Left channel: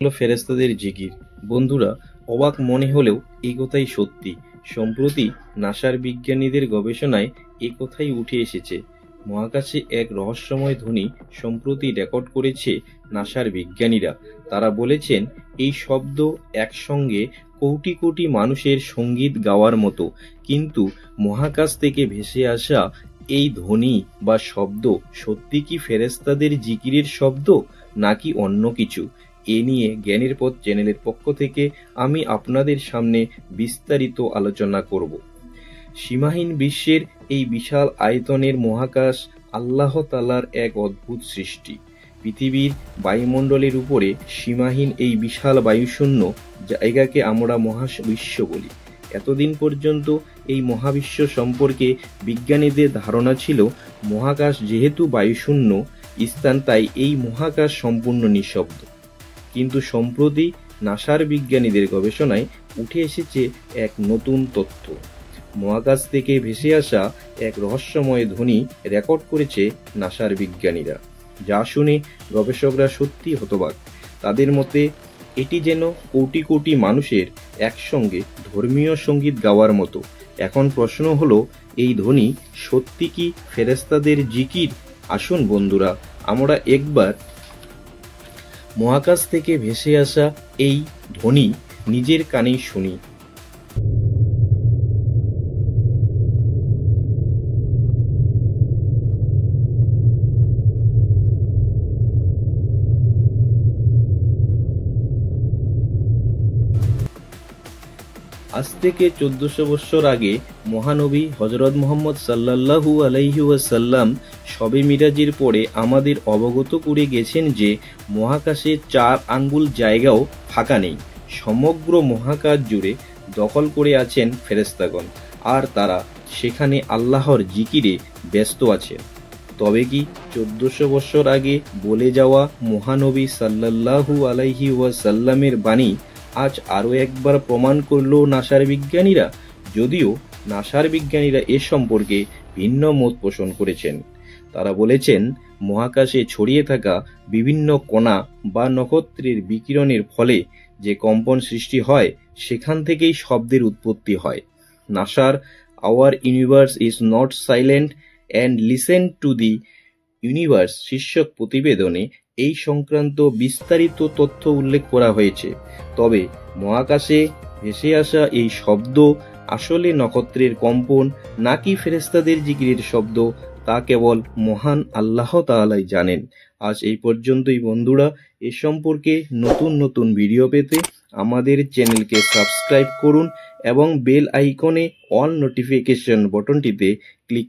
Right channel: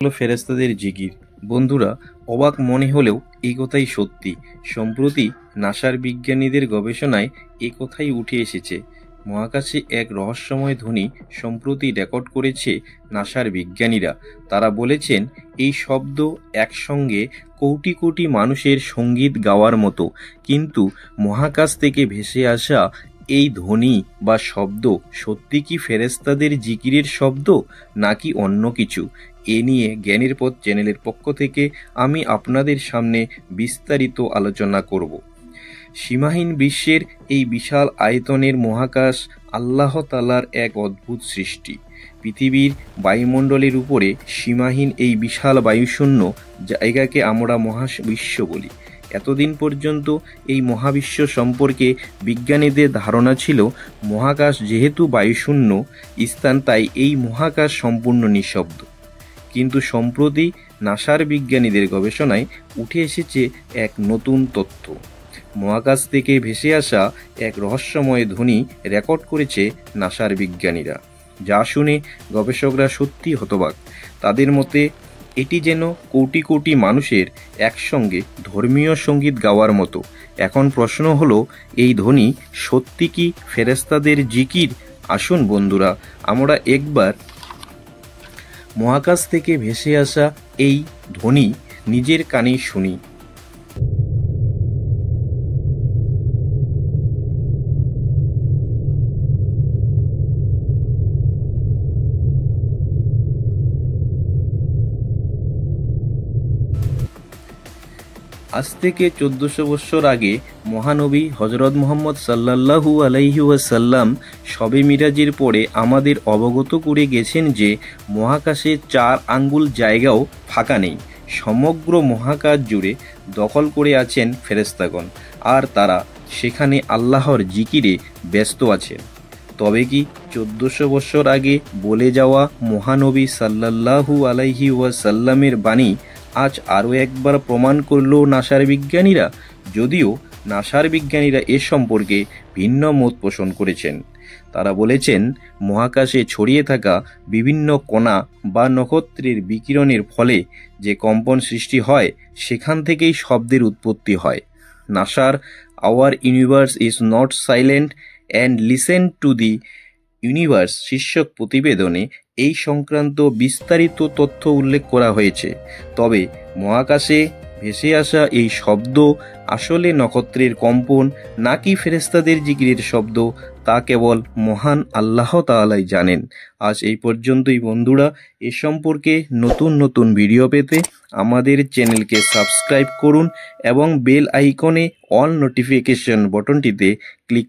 হলো ফেরেশতাদের জিকির। বন্ধুরা, অবাক মনে হলেও এই কথাই সত্যি। সম্প্রতি নাসার বিজ্ঞানীদের গবেষণায় এ কথাই উঠে এসেছে। মহাকাশে এক রহস্যময় ধ্বনি সম্প্রতি রেকর্ড করেছে নাসার বিজ্ঞানীরা। তারা বলেছেন, এই শব্দ একসঙ্গে কোটি কোটি মানুষের সঙ্গীত গাওয়ার মতো। কিন্তু মহাকাশ থেকে ভেসে আসা এই ধ্বনি বা শব্দ সত্যি কি ফেরেশতাদের জিকিরের শব্দ, নাকি অন্য কিছু? এ নিয়ে জ্ঞানের পথ চ্যানেলের পক্ষ থেকে আমি আপনাদের সামনে বিস্তারিত আলোচনা করব। সীমাহীন বিশ্বের এই বিশাল আয়তনের মহাকাশ আল্লাহ তাআলার এক অদ্ভুত সৃষ্টি। পৃথিবীর বায়ুমণ্ডলের উপরে সীমাহীন এই বিশাল বায়ুশূন্য জায়গাকে আমরা মহাবিশ্ব বলি। এতদিন পর্যন্ত এই মহাবিশ্ব সম্পর্কে বিজ্ঞানীদের ধারণা ছিল মহাকাশ যেহেতু বায়ুশূন্য স্থান, তাই এই মহাকাশ সম্পূর্ণ নিঃশব্দ। কিন্তু সম্প্রতি নাসার বিজ্ঞানীদের গবেষণায় উঠে এসেছে এক নতুন তথ্য। মহাকাশ থেকে ভেসে আসা এক রহস্যময় ধ্বনি রেকর্ড করেছে নাসার বিজ্ঞানীরা, যা শুনে গবেষকরা সত্যি হতবাক। তাদের মতে এটি যেন কোটি কোটি মানুষের একসঙ্গে ধর্মীয় সঙ্গীত গাওয়ার মতো। এখন প্রশ্ন হলো, এই ধ্বনি সত্যি কি ফেরেশতাদের জিকির? আসুন বন্ধুরা, আমরা একবার মহাকাশ থেকে ভেসে আসা এই ধ্বনি নিজের কানেই শুনি। আজ থেকে 1400 বছর আগে মহানবী হজরত মুহাম্মদ সাল্লাল্লাহু আলাইহি ওয়াসাল্লাম শবে মিরাজের পরে আমাদের অবগত করে গেছেন যে মহাকাশে 4 আঙ্গুল জায়গাও ফাঁকা নেই। সমগ্র মহাকাশ জুড়ে দখল করে আছেন ফেরেশতাগণ, আর তারা সেখানে আল্লাহর জিকিরে ব্যস্ত আছেন। তবে কি 1400 বছর আগে বলে যাওয়া মহানবী সাল্লাল্লাহু আলাইহি ওয়াসাল্লামের বাণী আজ আরও একবার প্রমাণ করল নাসার বিজ্ঞানীরা? যদিও নাসার বিজ্ঞানীরা এ সম্পর্কে ভিন্ন মত পোষণ করেছেন। তারা বলেছেন, মহাকাশে ছড়িয়ে থাকা বিভিন্ন কণা বা নক্ষত্রের বিকিরণের ফলে যে কম্পন সৃষ্টি হয়, সেখান থেকেই শব্দের উৎপত্তি হয়। নাসার hour universe is not silent and listen to the universe শীর্ষক প্রতিবেদনে এই সংক্রান্ত বিস্তারিত তথ্য উল্লেখ করা হয়েছে। তবে মহাকাশে ভেসে আসা এই শব্দ আসলে নক্ষত্রের কম্পন নাকি ফেরেশতাদের জিকিরের শব্দ, তা কেবল মহান আল্লাহ তাআলাই জানেন। আজ এই পর্যন্তই বন্ধুরা। এ সম্পর্কে নতুন নতুন ভিডিও পেতে আমাদের চ্যানেলকে সাবস্ক্রাইব করুন এবং বেল আইকনে অল নোটিফিকেশন বটনটিতে ক্লিক